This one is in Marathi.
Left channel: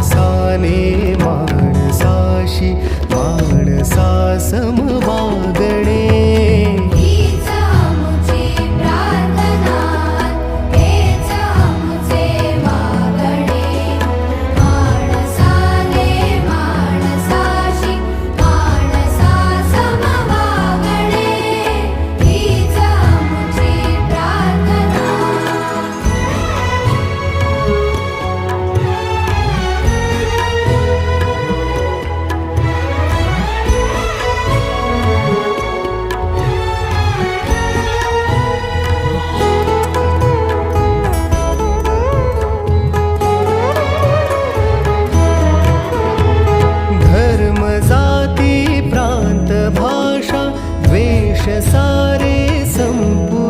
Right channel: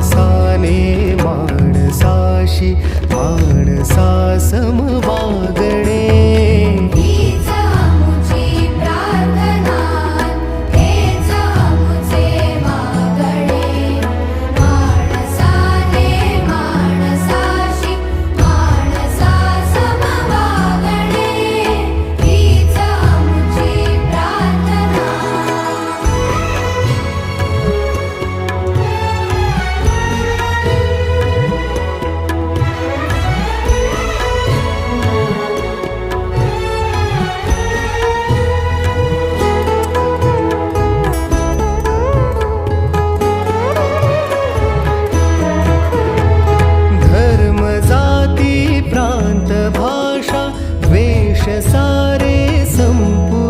माणसाने माणसाशी माणसा सम वागणे. जाती प्रांत भाषा द्वेष सारे संपू